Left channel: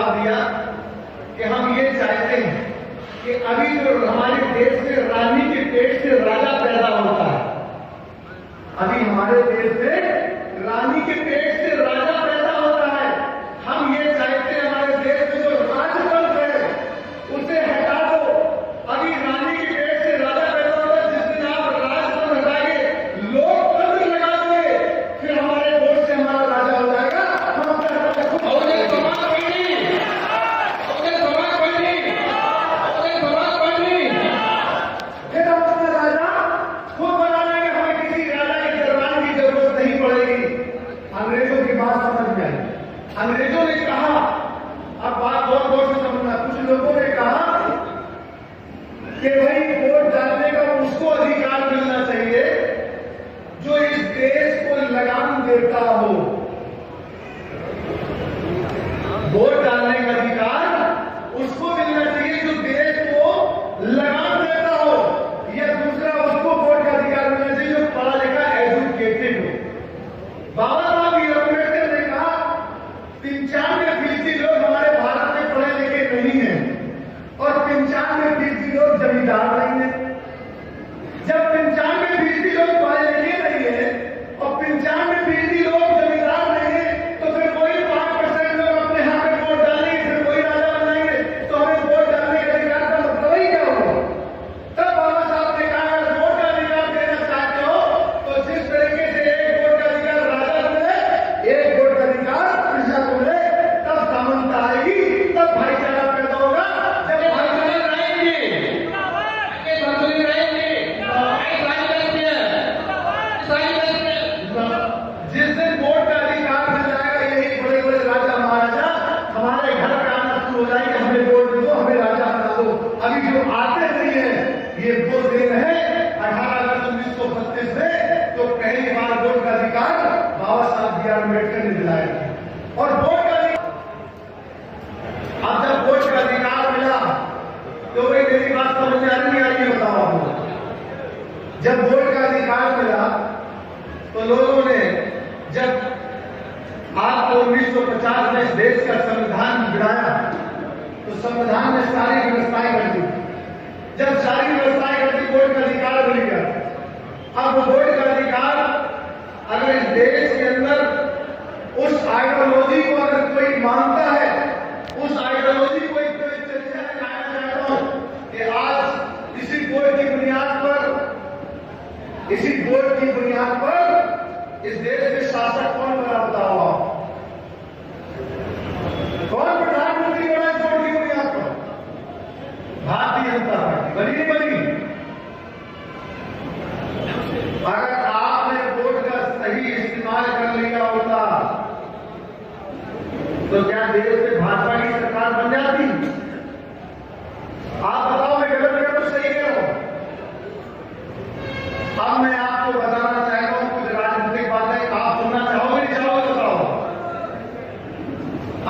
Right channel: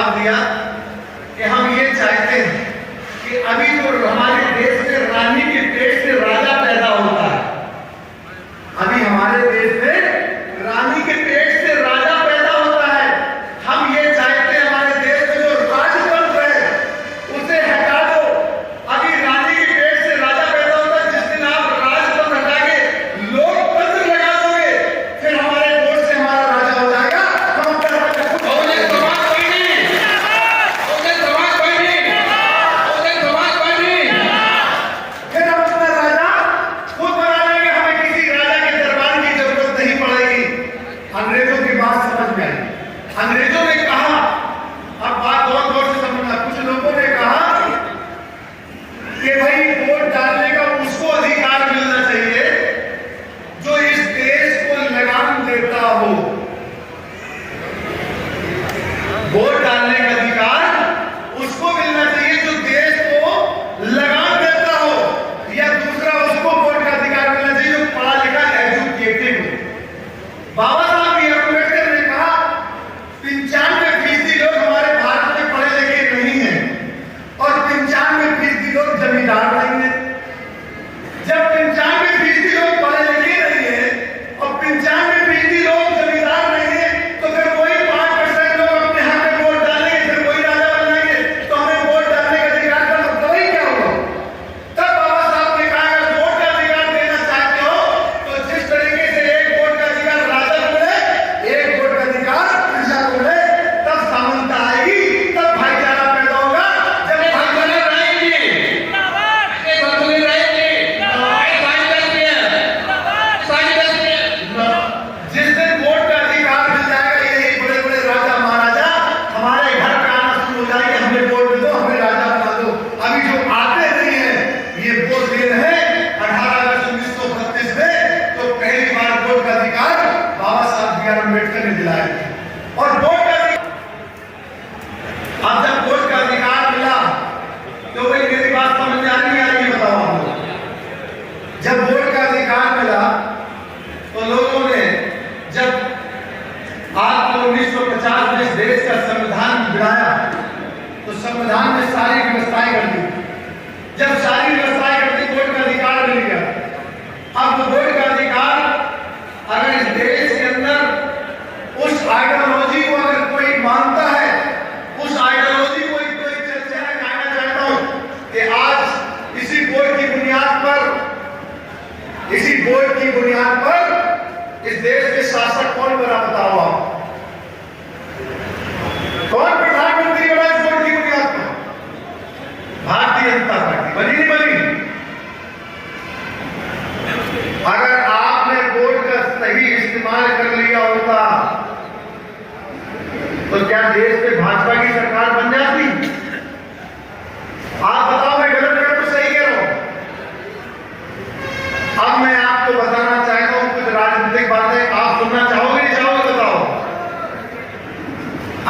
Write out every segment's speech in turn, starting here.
जवाब दिया कि हम ये चाहते हैं कि अभी जो हमारे देश में रानी के पेट से राजा पैदा होता है, अभी हमारे देश में रानी के पेट से राजा पैदा होता है, हम ये चाहते हैं हमारे देश में जो राजतंत्र है उसे हटा दो। अभी रानी के पेट से राजा पैदा होता है, जिस दिन आप राजतंत्र हटा के लोकतंत्र लगा दोगे फिर हमारे वोट से हमारा राजा हो जाएगा। हम अपना राजा खुद बहुजन समाज कोई नहीं, बहुजन समाज कोई नहीं, बहुजन समाज कोई नहीं। फिर हम अपना राजा खुद बना लेंगे, हमें किसी राजा के दरबार की जरूरत नहीं पड़ेगी। अंग्रेजों की बात समझ में आई। अंग्रेजों ने कहा, अब बात बहुत गौर से समझना, कुछ लोगों ने कहा कि भाई वोट डालने का उसको अधिकार मिलना चाहिए जो इस देश को लगाम देता हो। वोट डालने का अधिकार उसको मिलना चाहिए जो देश को लगाम देता हो, या दूसरा उसको वोट का अधिकार मिलना चाहिए जो पढ़ा लिखा एजुकेटेड हो। बाबा साहब ये अम्बेडकर ने कहा 95% लोग हमारे भारत में पढ़े लिखे नहीं हैं और 95% लोग जमींदार नहीं है। जब 95% लोग पढ़े लिखे नहीं है और 95% लोग जमींदार नहीं है तो फिर कोई 5% लोग अपने यहाँ पे वोट डालेंगे, फिर कोई राजा बनेंगे, तो हमें वोट डालने का अधिकार का मतलब ही क्या होगा? तब बाबा साहब ने कहा अगर वोट का अधिकार देना चाहते हो तो जिस तरीके से एक वोट का अधिकार राजा को मिले, एक वोट का अधिकार प्रजा को मिले, तब समानता आएगी, तब भाईचारा पैदा होगा। जब भाईचारा रहेंगे, ऐसे संतुलित रहेंगे, इस्लामी देश में, इस्लामी देश में। जिस दिन वोट का अधिकार मिल जाएगा, यही बड़े बड़े राजा महाराजा हमारे घर पे आना शुरू हो जाएंगे, हमें वोट दे दो, हमें राजा बना दो। अभी जो आते नहीं है ये वोट दे रहे हैं 18 अगस्त 1932 में, तो पहली बार वोट का अधिकार बाबा साहब बी आर अम्बेडकर ने दिलाया था। और वोट का अब जब वोट का अधिकार मिला तो भाई मेरी बात समझ में आ रही है, ये बताओ आप लोग। जब वोट का अधिकार मिला तो लोगों ने, जब आपको 1950 में इस देश का संविधान बनाया तो संविधान में सारी व्यवस्थाएं कर दी। जब सारी व्यवस्थाएं कर दी वोट का अधिकार मिल गया। अब वोट का अधिकार अगर इस देश के अंदर उस आइडियोलॉजी को अगर कोई मानता है, उस आइडियोलॉजी को एक चर्चा में कहना चाहता हूं कि आज इसी वोट की बुनियाद पर, इसी वोट की बुनियाद पर इस देश के शासक कौन बना बताओ आप? कौन प्रधानमंत्री बना इस वोट की बुनियाद पर? भारतीय जनता पार्टी बनी नहीं बनी? अगर आपने वोट का सही इस्तेमाल कर लिया होता तो क्या देश में भाजपा की सरकार बन जाती? आप बताओ, मैं गलत करूं तो सही कह रहा हूं? अब मैं आपको बताना चाहता हूं कुछ राजनीतिक बातें, आप सुनना चाहोगे नहीं चाहोगे बताओ?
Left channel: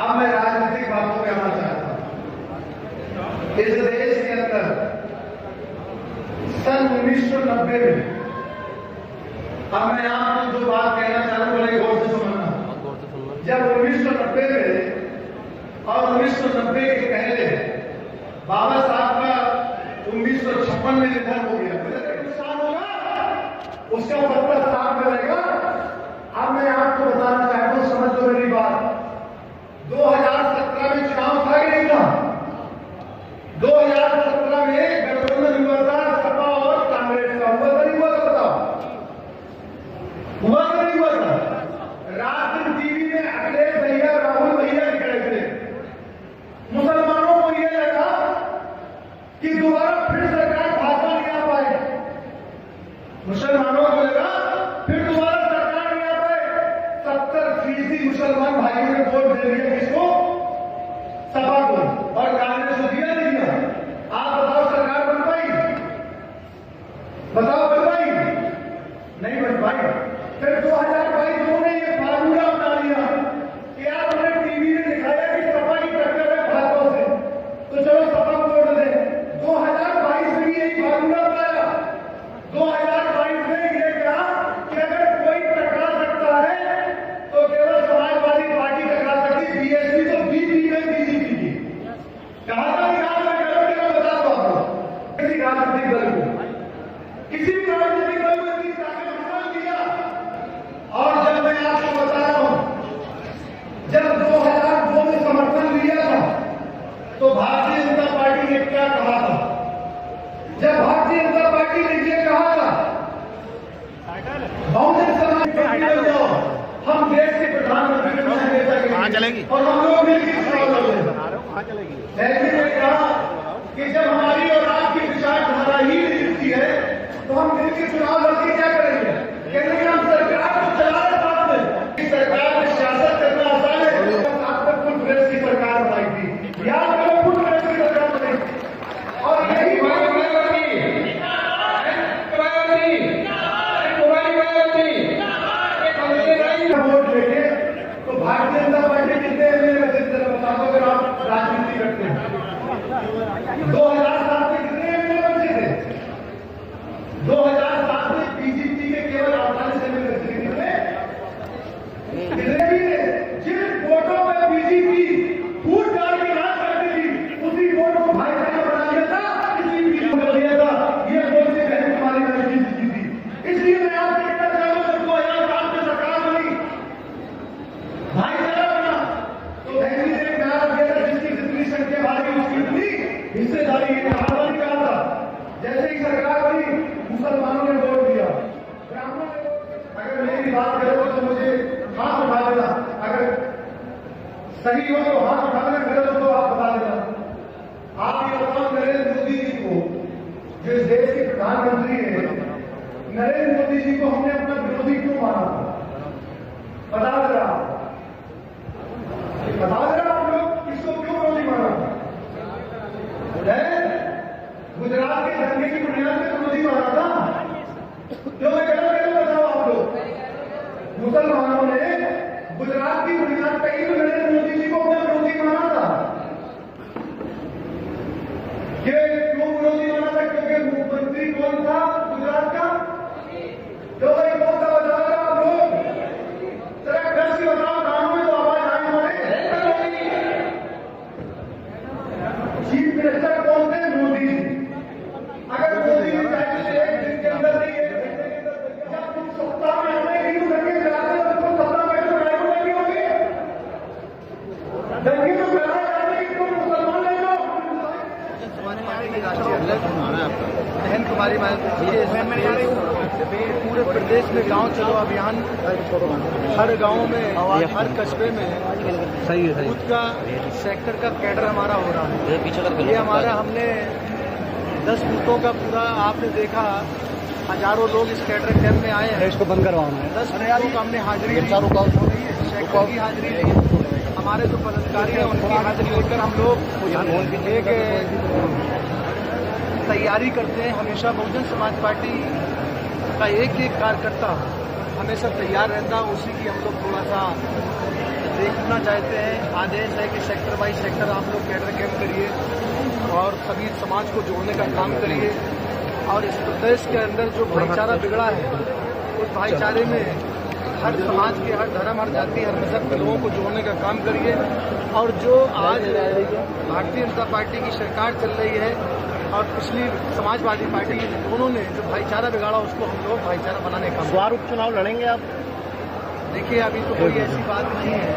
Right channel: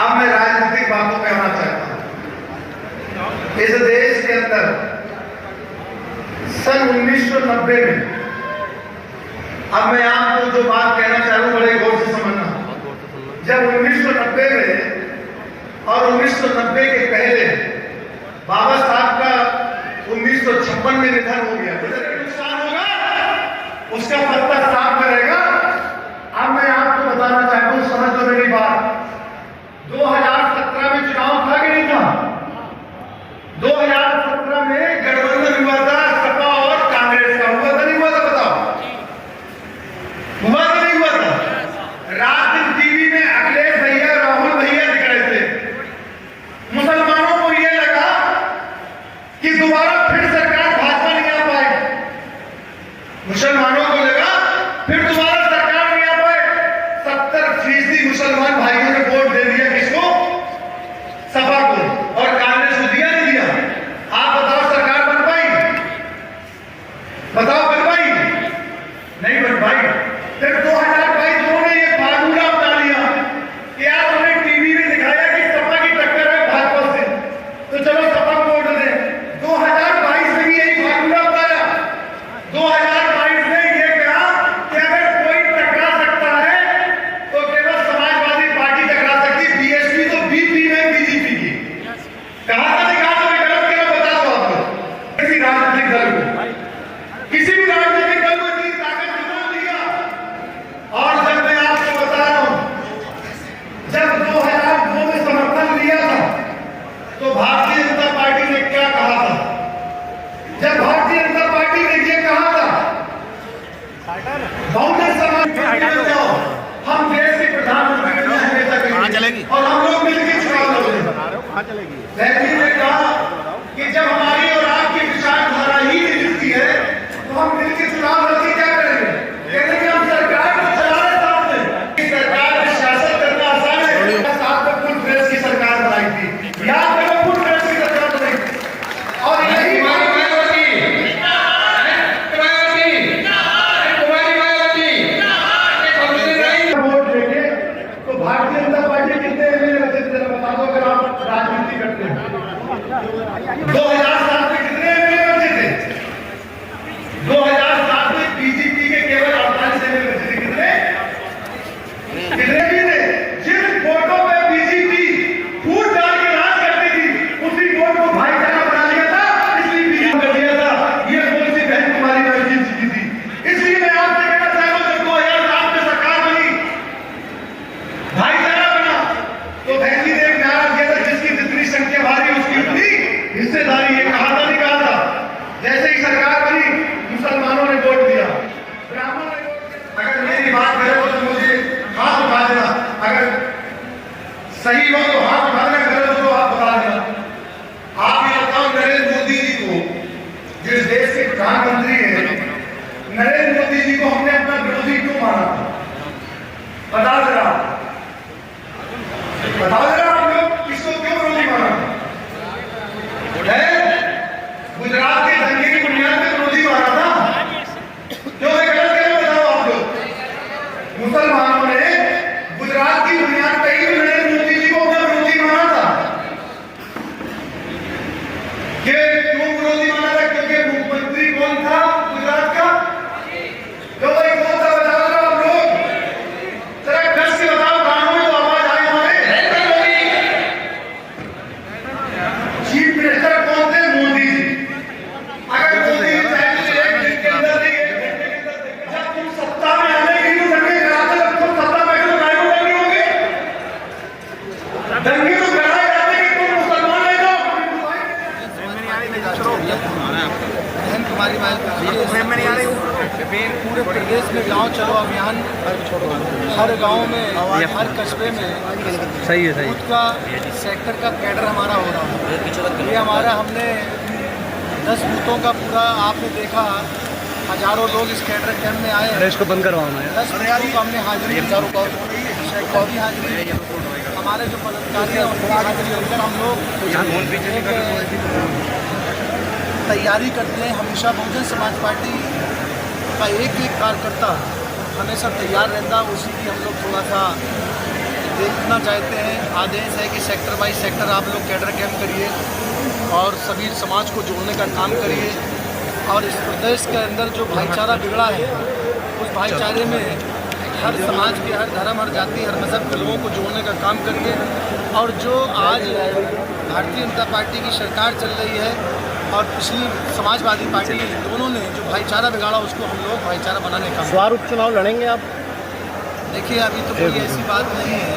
अब मैं राजनीतिक बातों पे आना चाहता हूं। इस देश के अंदर सन 1990 में, अब मैं आपको जो बात कहना चाहूँ बड़े गौर से समझना, जब 1990 में और 1990 के पहले बाबा साहब का 1956 में निधन हो गया, नुकसान होगा, उसका पत्ता साफ करेगा। अब मैं आपको बताना चाहता हूं, समझ लो मेरी बात। 2017 में चुनाव था कि नहीं था? 2017 में गठबंधन हुआ था सपा और कांग्रेस का, हुआ था नहीं हुआ था? बताओ, हुआ था नहीं हुआ था? रात दिन टीवी में अखिलेश भैया, राहुल भैया दिख रहे थे। मुसलमानों को यह लगा कि दोबारा फिर सरकार भाजपा नहीं आ पाएगी। मुसलमानों को लगा फिर दोबारा 2007 में कितने एमएलए बचे थे? 2007 में बीजेपी के केवल 48 एमएलए बचे थे। कितने भी थे? जिन वोटों पे बीजेपी फूट डाल के राज करती थी, उसी वोट को भाईचारा बना लिया था, इसलिए बीजेपी कर दिया था। ये वोट से बहन कुमारी महजी जीती थी। इसलिए मैं आपसे कहना चाहता हूं, जब 2007 में सरकार बनी, भाईचारा बना, तो बहन जी ने एक नारा दिया था, जिसकी जितनी संख्या भारी उसकी उतनी हिस्सेदारी। ये कहा था, नहीं कहा था? जैसे ही सरकार बनी, मुसलमानों ने वोट दिया, ब्राह्मणों ने वोट दिया। अगर मेरी बात करें तो मुझे हाथ उठा देना, अगर सही हो तो हाथ उठा देना, गलत हो तो हाथ उठा देना। आप ये बताओ, नरेंद्र मोदी जी को, जो इस देश के प्रधानमंत्री हैं, नरेंद्र मोदी जी को हमने अपना विरोधी क्यों माना? बता जरा, आप लोग इसको क्यों विरोधी माना? गुजरात के दंगे की बुनियाद पे विरोधी माना था। क्यों ये गलत है? बताओ आप लोग। मुसलमानों ने गुजरात की बुनियाद पे ही नरेंद्र मोदी जी को अपना विरोधी माना था। क्यों विरोधी माना था? क्योंकि मुख्यमंत्री कौन था गुजरात का? क्यों भाई कौन था? बताओ जरा आप लोग, जरा गश से बताओ, कानों में तो आवाज आई हमारे। चीफ मिनिस्टर कौन थे? मोदी जी। अगर मोदी जी एक दिन के अंदर नहीं, एक घंटे के अंदर, जब तुम सत्ता में आने की तो दंगे कराते, तुम सत्ता में तो कायम नहीं होंगे। दंगे तो कराए जाते कि तुम मुसलमान ले जाओ। बहन कुमारी पूरे प्रदेश में गांव चलो अभियान, हर गांव में, हर कस्बे में बूथ का, सेक्टर का कैडर हमारा हो रहा है। ये हमारा, हमने 10 बूथों का पूरा, आपने देखा, हजारों लोग इस कैडर कैंप में आए हैं। इसको बंद करवाना है। 10 बूथों को हमने हाजिरी दी, सेक्टर की हाजिरी दी, हमारे जो पदाधिकारी हैं उनकी हाजिरी लेकर हम लोग एक तैयारी करते हैं। हमेशा बहुजन समाज पार्टी का एक कार्यकर्ता हमेशा तैयार रहता, उसी की हम लोग थोड़ा सा देखना चाहते हैं। आदेश है कि सेक्टर बाई सेक्टर आप लोग कैडर कैंप करिए और सभी समाज को जोड़ने का काम करिए। और इस प्रदेश के अंदर जो भाईचारा बिगड़ा है, उस भाईचारे में हर समाज के, हर धर्म, हर जाति, हर मज़हब के लोगों को जोड़ने का काम करिए। और जो आज भारतीय जनता पार्टी की सरकार चल रही है और पिछली समाजवादी पार्टी, दोनों ने जो भाईचारा बिगाड़ा, उसको हम लोग भाईचारा बनाने का स्वार उपचुनाव लड़ेंगे आप? देखिए, अभी तो कोई ऐसी बात नहीं है,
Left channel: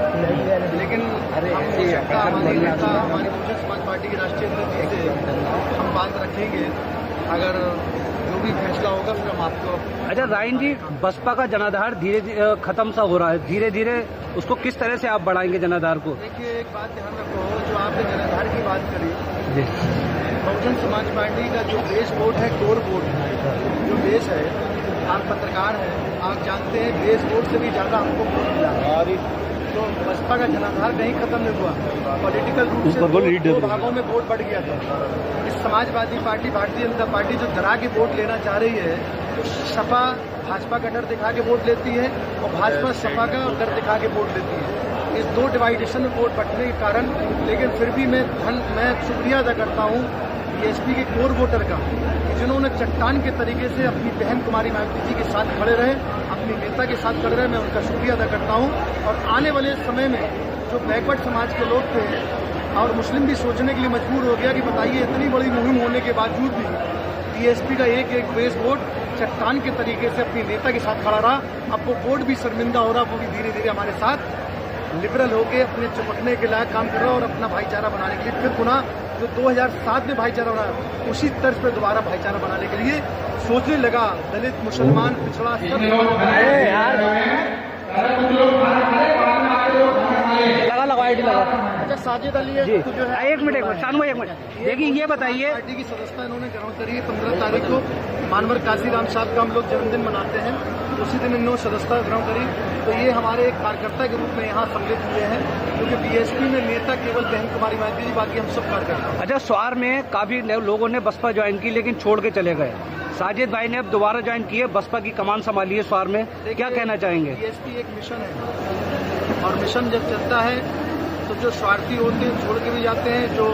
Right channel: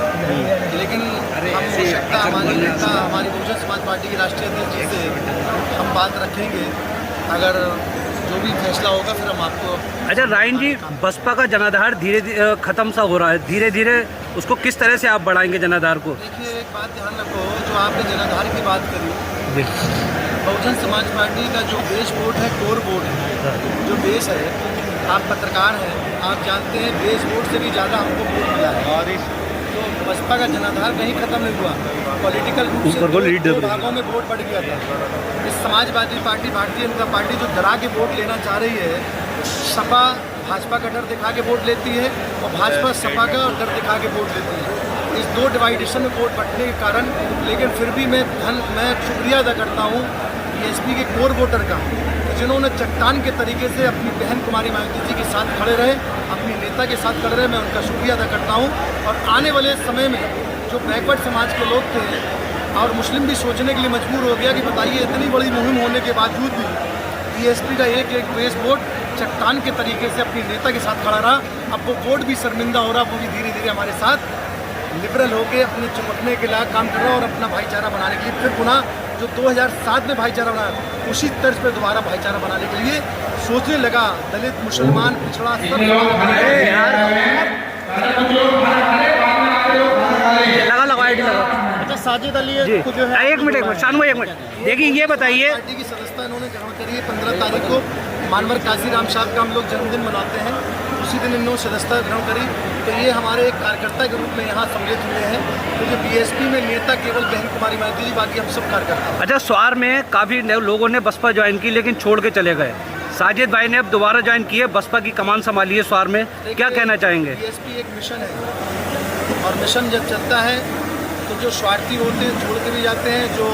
लेकिन हम हो सकता हमारी नेता, हमारी बहुजन समाज पार्टी की राष्ट्रीय अध्यक्ष जी से हम बात रखेंगे। अगर जो भी फैसला होगा फिर हम आपको। अच्छा रायन जी, बसपा का जनाधार धीरे धीरे खत्म सा हो रहा है, धीरे धीरे उसको किस तरह से आप बढ़ाएंगे जनाधार को? देखिए, एक बात ध्यान रखो, जो आपने जनाधार की बात करी, बहुजन समाज पार्टी का जो बेस वोट है, कोर वोट है, जो बेस है, आप पत्रकार हैं, आप जानते हैं बेस वोट से भी ज़्यादा हमको वोट मिला है। तो बसपा का जनाधार कहीं खत्म नहीं हुआ, पॉलिटिकल रूप से दो भागों में वोट बढ़ गया था। इस समाजवादी पार्टी, भारतीय जनता पार्टी जो डरा के वोट लेना चाह रही है, सपा भाजपा का डर दिखा के वोट लेती है और भाजपा सपा का डर दिखा के वोट लेती है। इस दो डिवाइडेशन में वोट बंटने के कारण, लेकिन फिर भी मैं शुक्रिया अदा करता हूँ बीएसपी के कोर वोटर का, कि जिन्होंने चट्टान के तरीके से अपनी बहन कुमारी मायावती जी के साथ खड़े रहे, अपनी नेता के साथ खड़े रहे। मैं उनका शुक्रिया अदा करता हूँ। और आने वाले समय में जो बैकवर्ड समाज के लोग थे और मुस्लिम भी सोचने के लिए मजबूर हो गया कि बताइए, इतनी बड़ी मुहिम होने के बावजूद भी बीएसपी का एक बेस वोट चट्टान के तरीके से अपनी नेता के साथ खड़ा रहा। अब वो वोट भी शर्मिंदा हो रहा, वो भी धीरे धीरे हमारे साथ लिबरल होकर अपने चमकने के लायक काम कर रहा है और अपना भाईचारा बनाने के लिए फिर पुनः जो 2007 में भाईचारा बनाया, उसी तर्ज पर दोबारा भाईचारा बनाने के लिए सोचने लगा। दलित, मुसलमान, पिछड़ा सब लगा आईडी लगा। अच्छा, साजिद अली जी, एक मिनट शानू भाई, एक मिनट देखिए, ये बताइए, पार्टी की सदस्यता इन्होंने ग्रहण करी है। 15 तारीख को मानवर काशीराम साहब का हम लोग जन्मदिन मनाते हैं, उसी दिन इन्होंने सदस्यता ग्रहण करी। तो ये हमारे एक कार्यकर्ता के रूप में यहाँ सम्मिलित हुए हैं, क्योंकि बीएसपी में नेता केवल बहन कुमारी मायावती जी, बाकी हम सब कार्यकर्ता। अच्छा, स्वार में काफी लोगों ने बसपा ज्वाइन की लेकिन छोड़ के चले गए। साजिद भाई ने अब दोबारा ज्वाइन किए, बसपा की कमान संभाली है स्वार में, क्या कहना चाहेंगे? बीएसपी एक मिशन है और मिशन जब चलता है तो जो स्वार्थी होते हैं छोड़ के भी जाते हैं, जो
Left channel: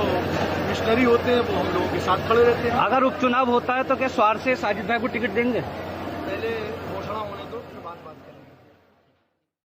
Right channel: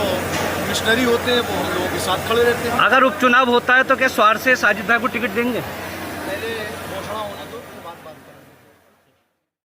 मिशनरी होते हैं वो हम लोगों के साथ खड़े रहते हैं। अगर उपचुनाव होता है तो क्या स्वार से साजिद भाई को टिकट देंगे? पहले